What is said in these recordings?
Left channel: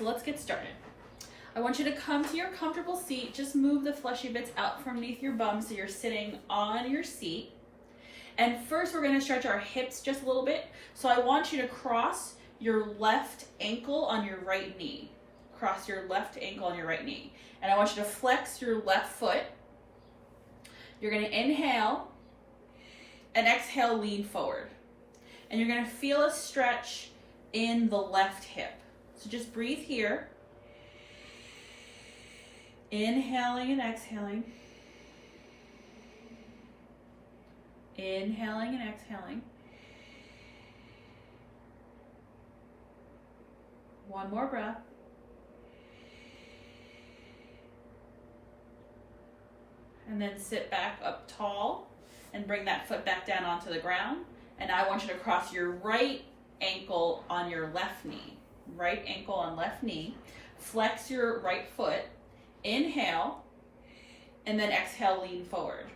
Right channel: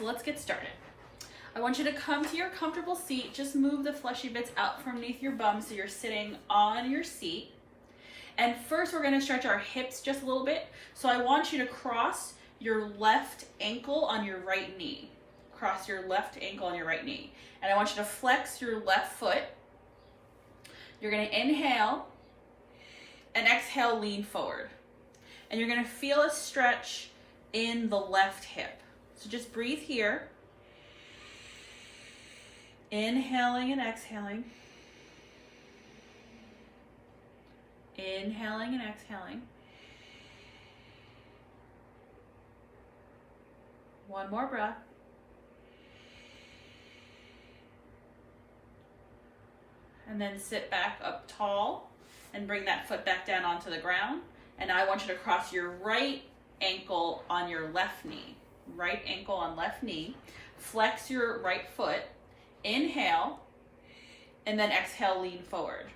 so let's get started. I want you to come to your comfortable seat. Just move the fleshy bits out from underneath your bum so you're sitting on your seat. And first we're gonna stretch our hips just a little bit. So I want you to cross your left ankle on your right knee. Cross your left ankle on your right knee. And I want you to flex your left foot. You're gonna inhale and exhale, lean forward. And you're gonna feel a stretch in the left hip. So just breathe here. Inhaling and exhaling. Inhaling and exhaling. One more breath. And then sit back up tall and bring that foot back down onto the ground. And I want you to cross your right ankle on your left knee. Right ankle on left knee. Flex your right foot. Inhale. And then exhale, lean forward.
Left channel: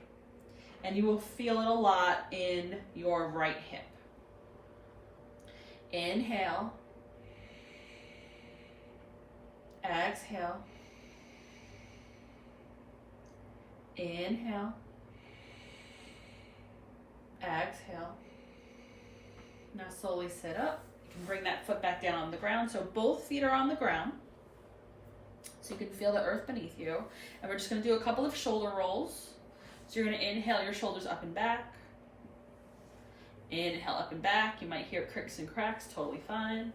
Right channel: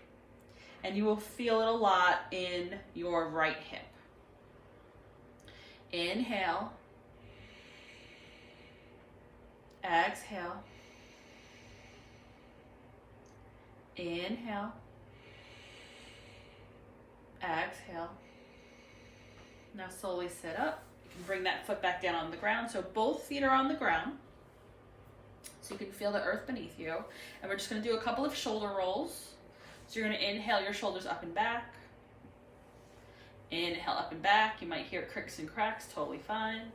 And you will feel it a lot in your right hip. Inhale. Exhale. Inhale. Exhale. Now slowly sit up. You can bring that foot back down on the ground. So both feet are on the ground. So you can feel the earth beneath you. And we're just going to do a couple of shoulder rolls. So you're going to inhale your shoulders up and back. Inhale up and back. You might hear cricks and cracks, totally fine.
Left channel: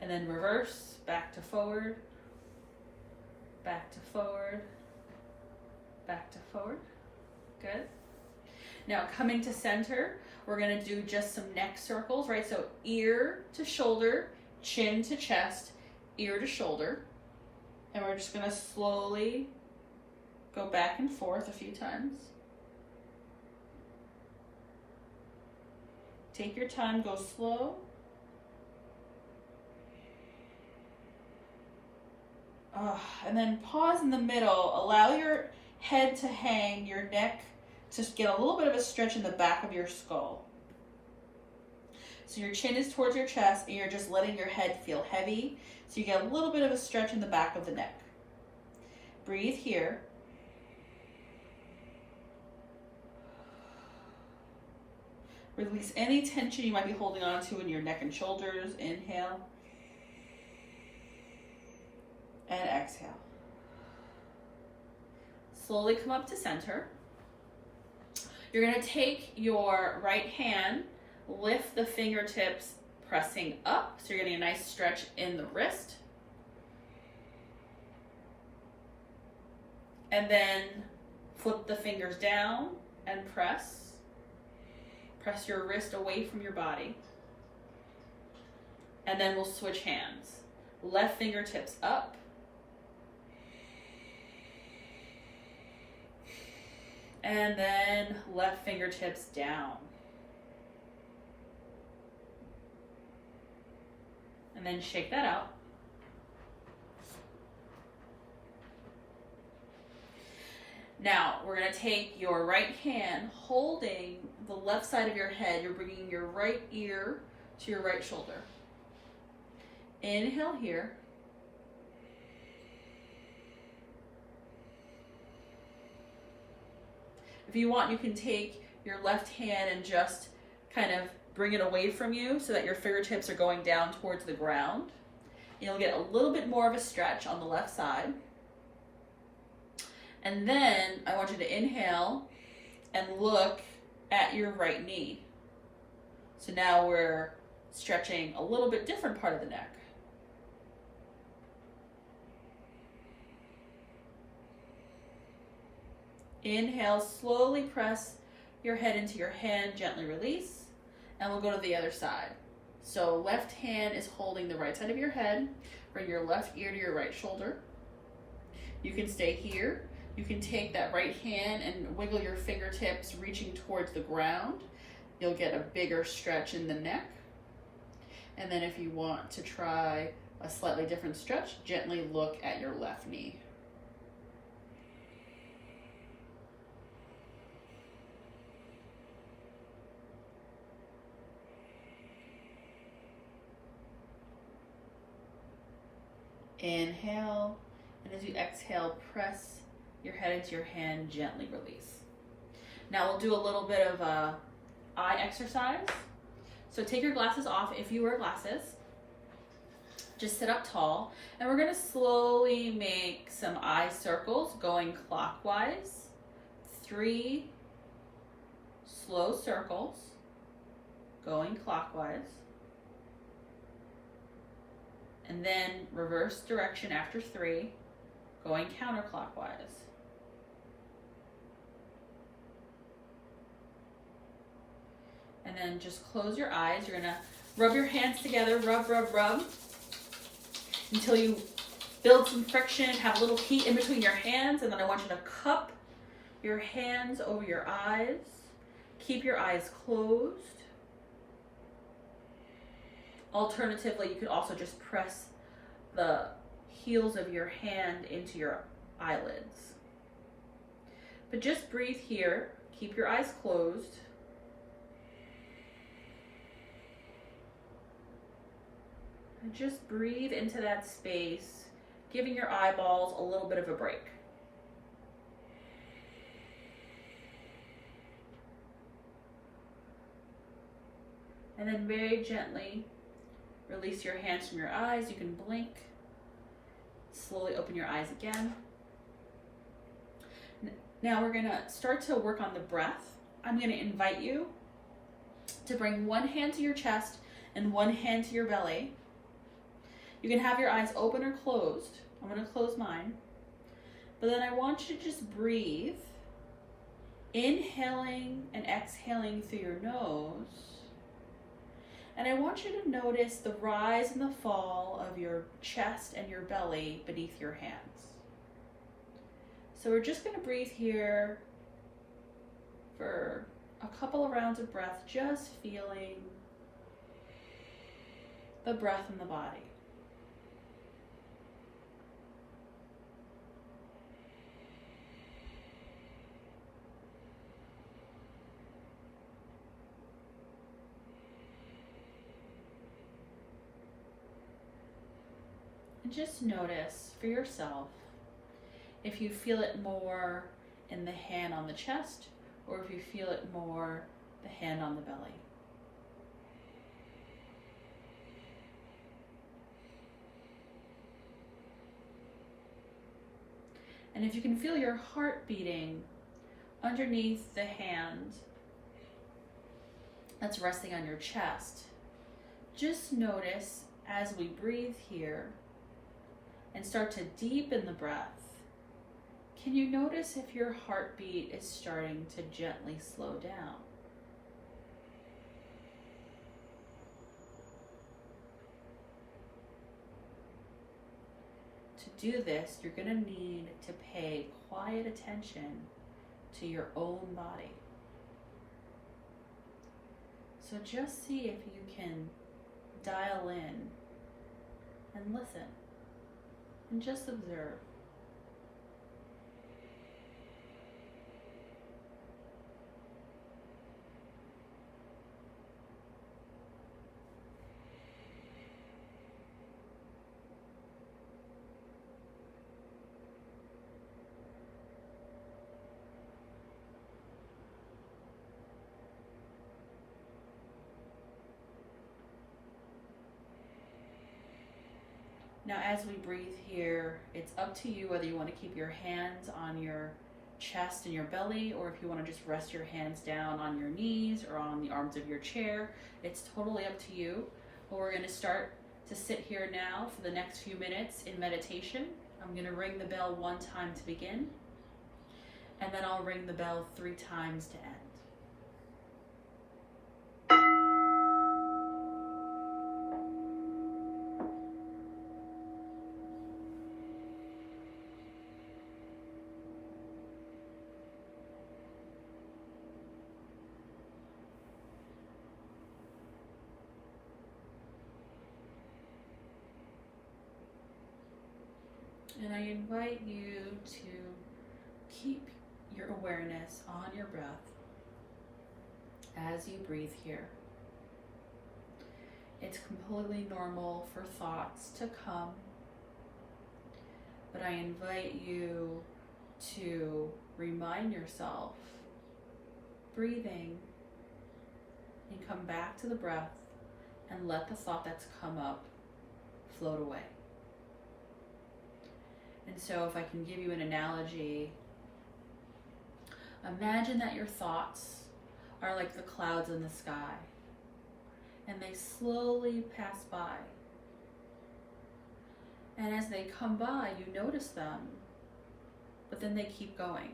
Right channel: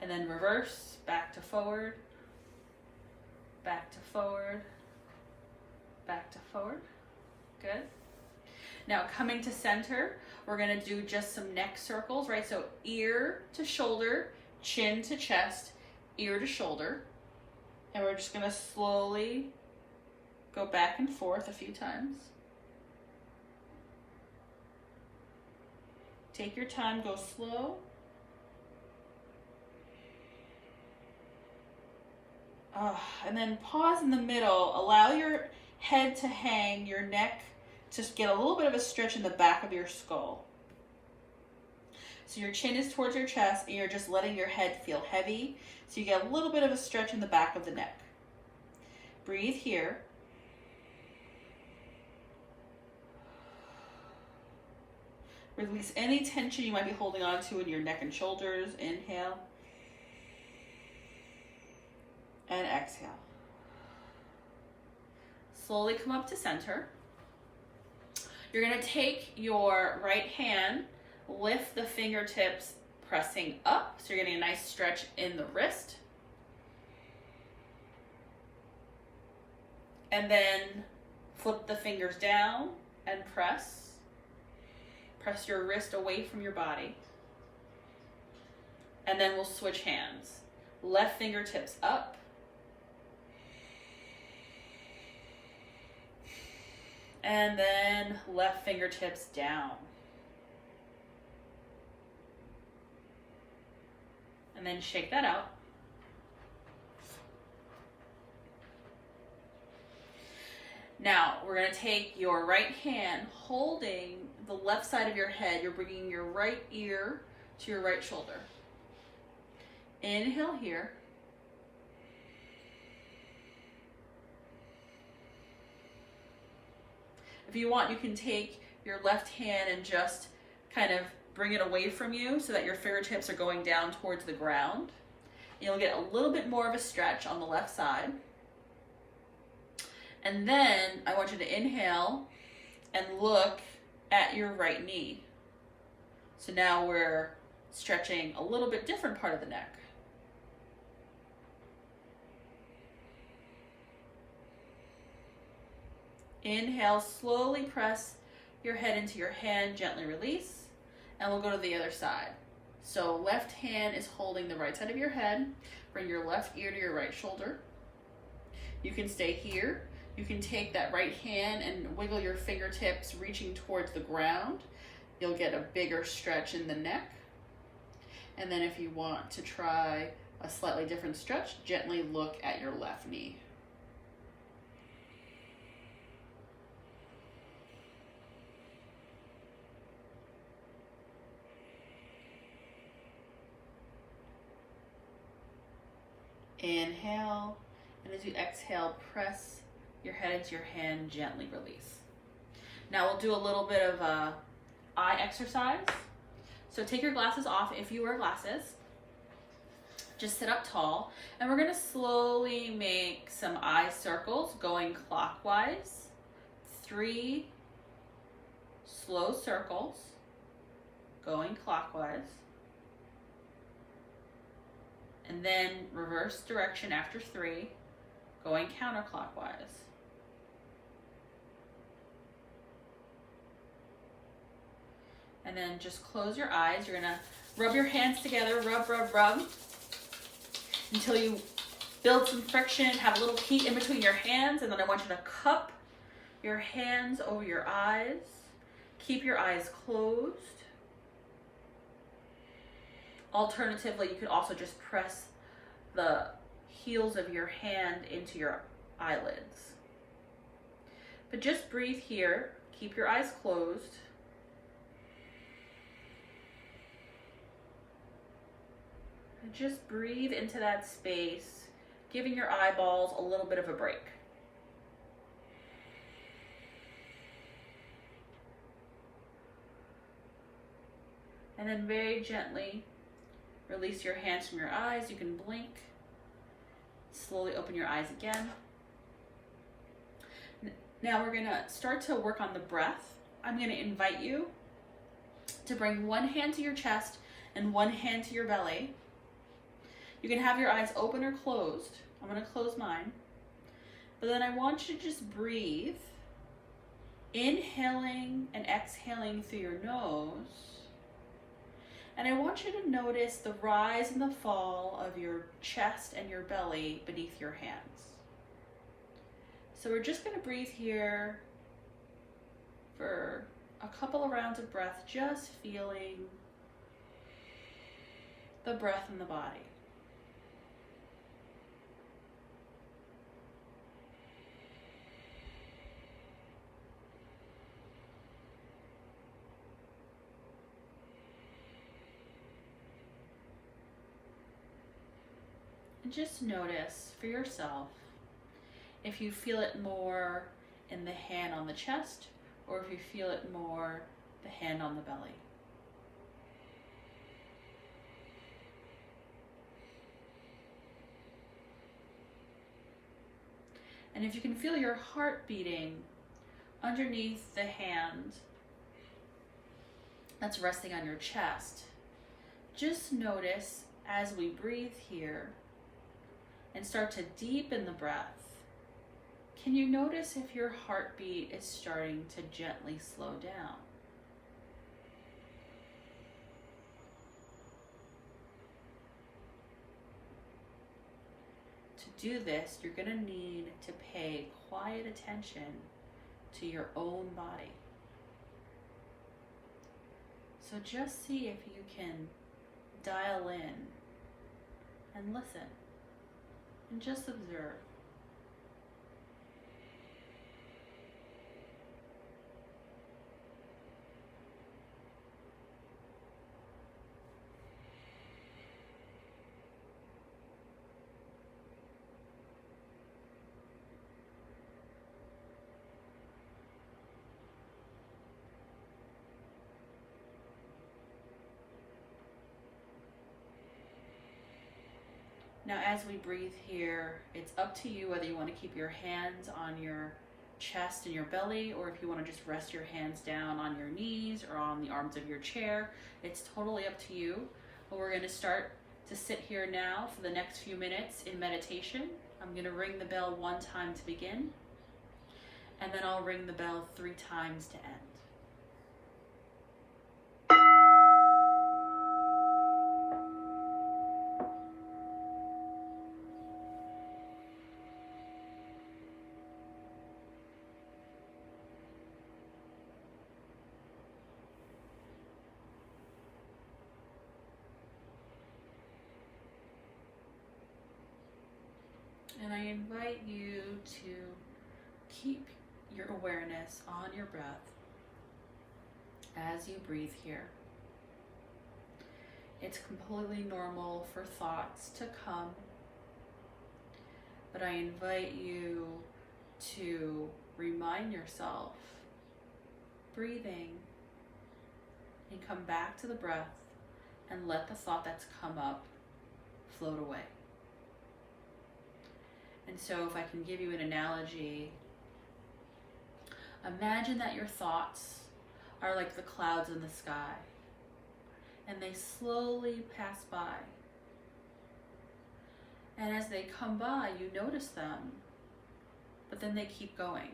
And then reverse, back to forward, back to forward, back to forward. Good. Now coming to center, we're going to do just some neck circles, right? So ear to shoulder, chin to chest, ear to shoulder. And we're just going to slowly go back and forth a few times. Take your time, go slow. And then pause in the middle. Allow your head to hang, your neck to get a little bit of a stretch in the back of your skull. So your chin is towards your chest and you're just letting your head feel heavy. So you get a little bit of a stretch in the back of the neck. Breathe here. Release any tension you might be holding on to in your neck and shoulders. Inhale. And exhale. Slowly come up to center. You're going to take your right hand, lift the fingertips, pressing up. So you're getting a nice stretch in the wrist. And then flip the fingers down and press. Press your wrist away from your body. And then we'll switch hands. Left fingertips up. And then left fingertips down. And then shake that out. Now, we're going to take your right hand, holding the left side of your head. You're bringing your right ear to your right shoulder. Inhale here. If you want, you can take your left hand and just kind of bring it away from you so that your fingertips are going down towards the ground. You'll get a little bit more of a stretch on the left side. And then I want you to inhale and look at your right knee. So now we're stretching a little bit different part of the neck. Inhale, slowly press your head into your hand, gently release, and we'll go to the other side. So left hand is holding the right side of your head. Bring your left ear to your right shoulder. You can stay here. You can take that right hand and wiggle your fingertips reaching towards the ground. You'll get a bigger stretch in the neck. And then if you want to try a slightly different stretch, gently look at your left knee. Inhale, and as you exhale, press your head into your hand, gently release. Now we'll do a little bit of a eye exercise. So take your glasses off if you wear glasses. Just sit up tall, and we're gonna slowly make some eye circles going clockwise. 3 slow circles going clockwise. And then reverse direction after 3, going counterclockwise. And then just close your eyes. You're gonna rub your hands together, rub, rub, rub, until you build some friction, have a little heat in between your hands, and then I want you to cup your hands over your eyes. Keep your eyes closed. Alternatively, you could also just press the heels of your hand into your eyelids. But just breathe here. Keep your eyes closed. And just breathe into that space, giving your eyeballs a little bit of a break. And then very gently release your hands from your eyes. You can blink. Slowly open your eyes again. Now we're gonna start to work on the breath. I'm gonna invite you to bring one hand to your chest and one hand to your belly. You can have your eyes open or closed. I'm gonna close mine. But then I want you to just breathe, inhaling and exhaling through your nose. And I want you to notice the rise and the fall of your chest and your belly beneath your hands. So we're just gonna breathe here for a couple of rounds of breath, just feeling the breath in the body. And just notice for yourself if you feel it more in the hand on the chest or if you feel it more the hand on the belly. And if you can feel your heart beating underneath the hand that's resting on your chest, just notice as we breathe here and start to deepen the breath, can you notice if your heartbeat is starting to gently slow down? To do this, you're going to need to pay quiet attention to your own body. So just see if you can dial in and listen and just observe. Now, as we breathe here, it's up to you whether you want to keep your hands on your chest and your belly, or if you want to just rest your hands down on your knees or on the arms of your chair. It's totally up to you. But we're going to start to sit here now for the next few minutes in meditation. I'm going to ring the bell 1 time to begin, and then I'll ring the bell 3 times to end. And I invite you to keep your awareness on your breath as you breathe here. It's completely normal for thoughts to come but I invite you to remind yourself, breathing, and come back to the breath and let the thought that's come up float away. And so if I can give you an analogy, imagine that your thoughts are like the clouds in the sky, and they slowly pass by. And as they come by, you notice them, but then they keep going.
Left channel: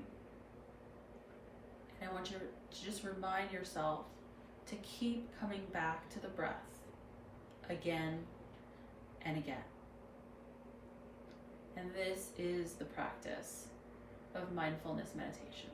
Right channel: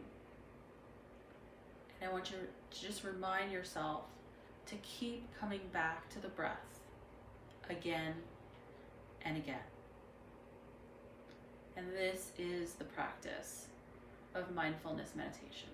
And I want you to just remind yourself to keep coming back to the breath again and again. And this is the practice of mindfulness meditation.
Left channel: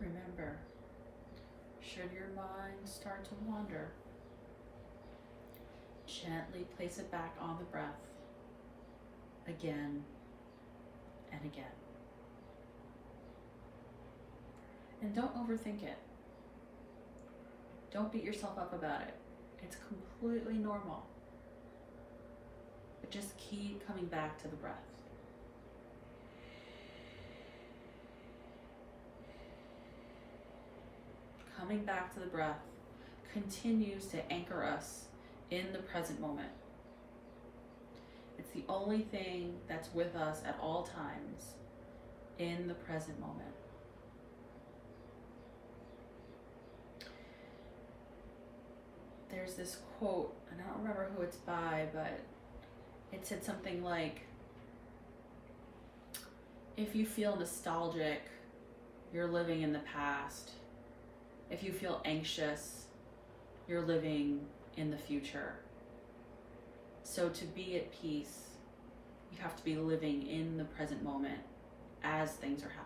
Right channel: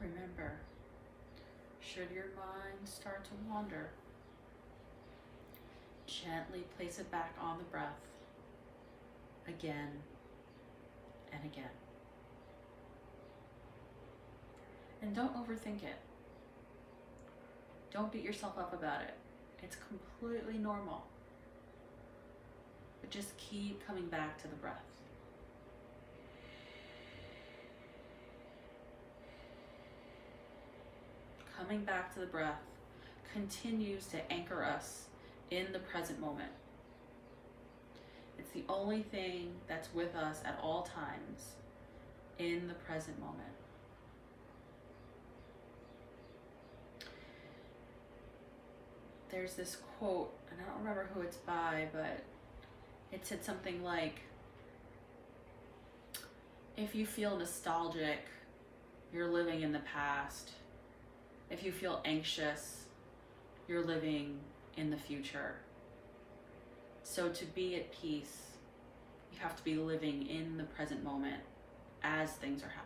Remember, should your mind start to wander, gently place it back on the breath again and again. And don't overthink it. Don't beat yourself up about it. It's completely normal. But just keep coming back to the breath. Coming back to the breath continues to anchor us in the present moment. It's the only thing that's with us at all times in the present moment. There's this quote, and I don't remember who it's by, but it said something like, if you feel nostalgic, you're living in the past. If you feel anxious, you're living in the future. So to be at peace, you have to be living in the present moment as things are happening.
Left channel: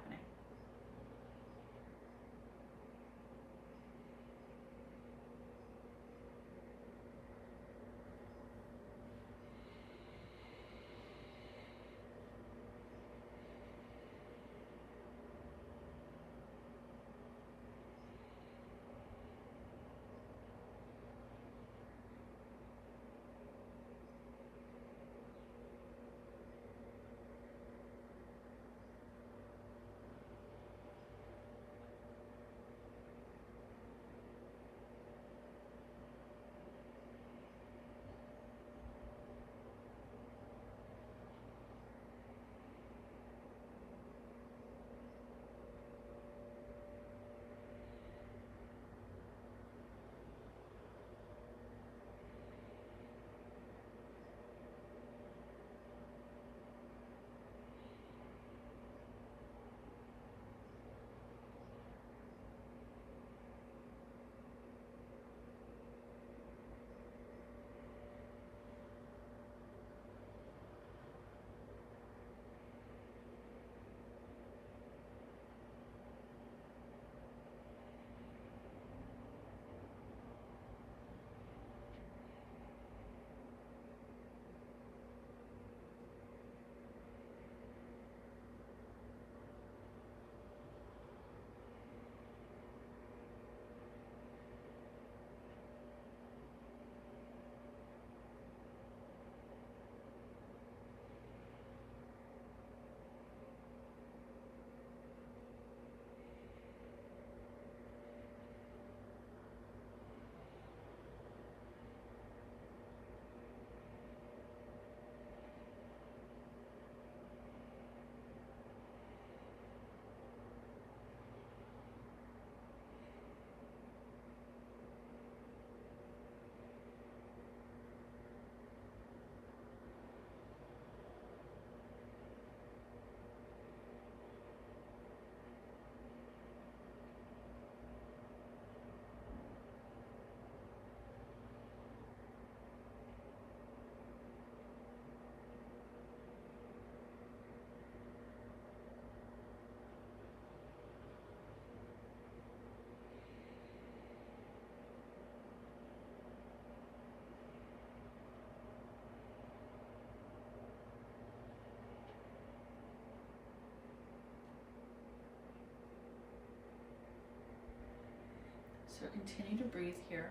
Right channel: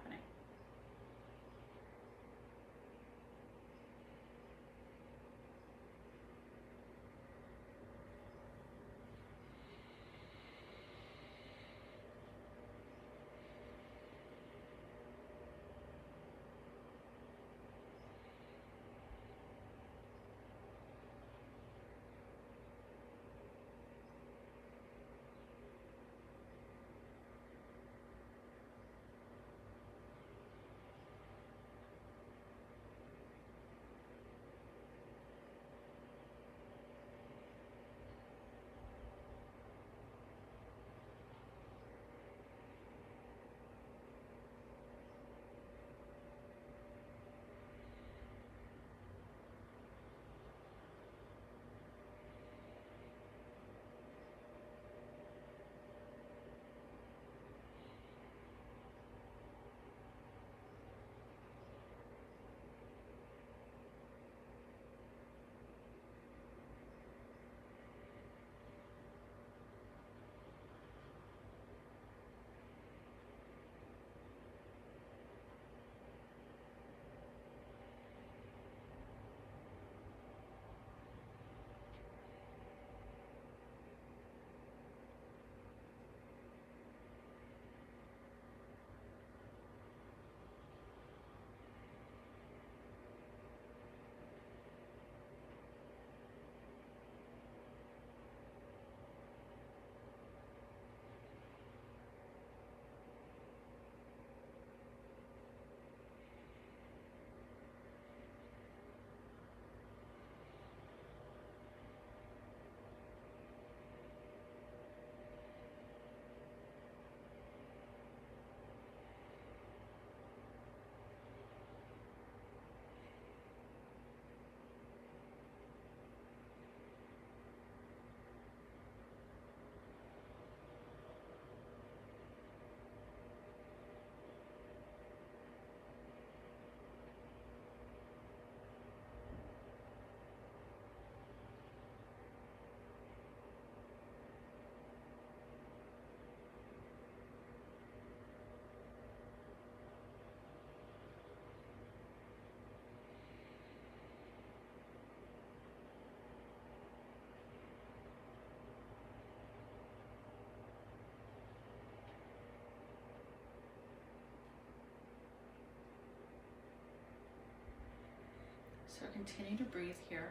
So continue to breathe here.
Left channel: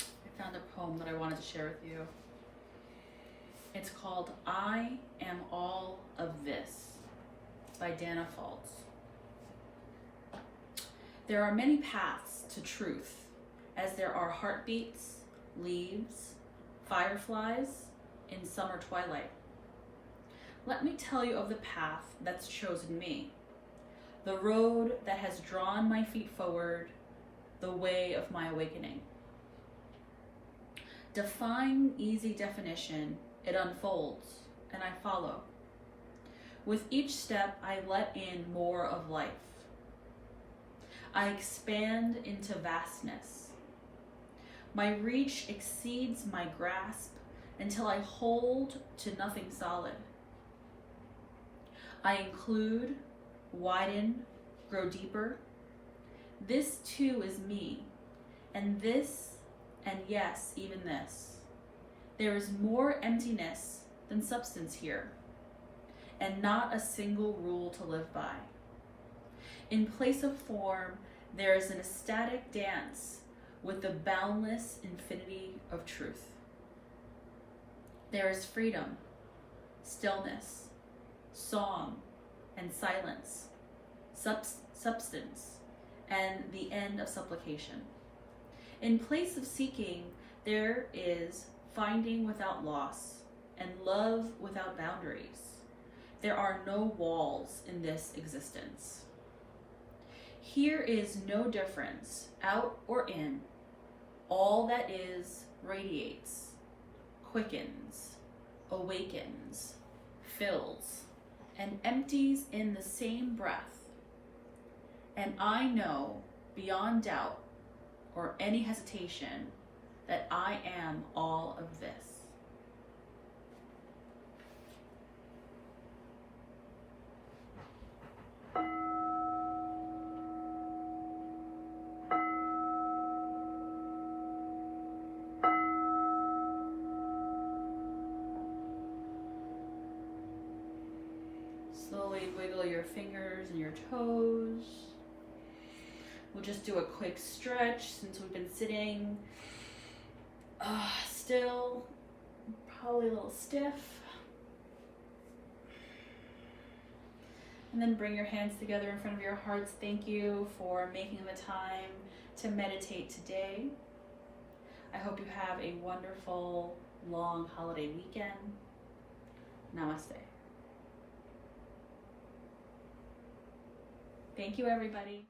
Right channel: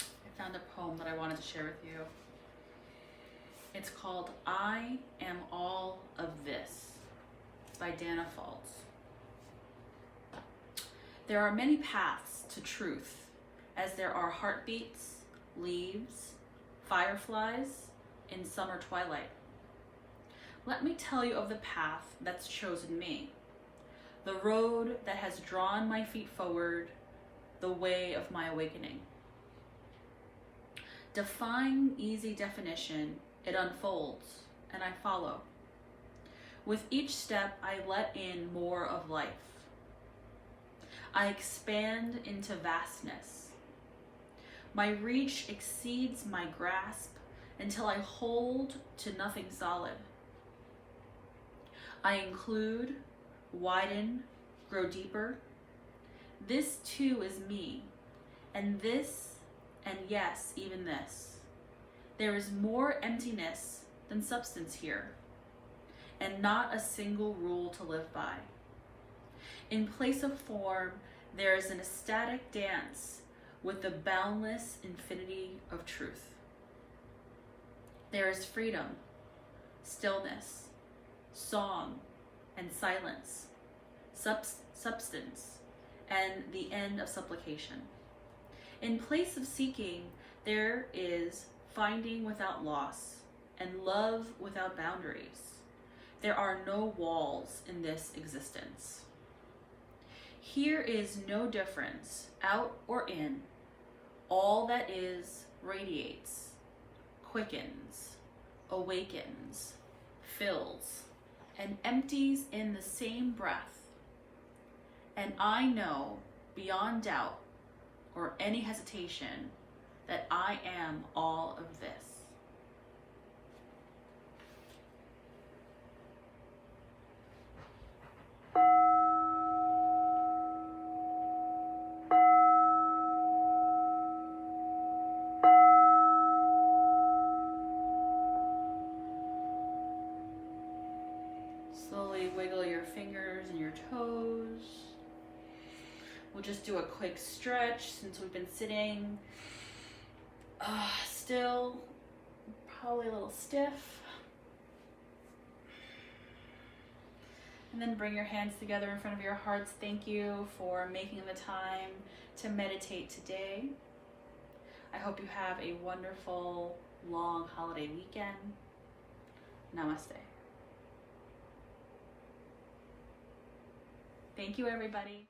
I found a poem that I wanted to share with you. It's called I Am All of This by Dana Faltz. There are many paths to truth, as there are heartbeats, leaves, fireflies in summer twilight. Let me tell you of the path that's chosen me, the road that has drawn my feet forward, the way of my awakening. Defying easy definition, it unfolds, and I follow. With each step, I let in more of life. I expand into vastness. My reach exceeds my grasp until I hold to nothing solid. I include, widen, grow deeper. This too is me, and this, and yes, even this. There is more emptiness than substance here, and not a single rule to live by. In place of form, there is an ecstatic dance with the boundless infinity of truth. There is freedom, stillness, song, and silence, substance, and the end of supplication. In place of seeking, there is finding without loss and love without boundaries. There are no walls in this existence. Here is no difference, out or in. All that is radiates, quickens, awakens, fills, and empties in the same breath. And I know beyond doubt or any hesitation that I am all of this. Slowly wiggle your fingers and your toes. We'll just do a quick stretch since we've been sitting still, probably a little stiff. And then bring your hands together in front of your hearts. Thank you for making the time to meditate today. I hope you have a wonderful, long holiday weekend. Namaste. Thank you, everybody.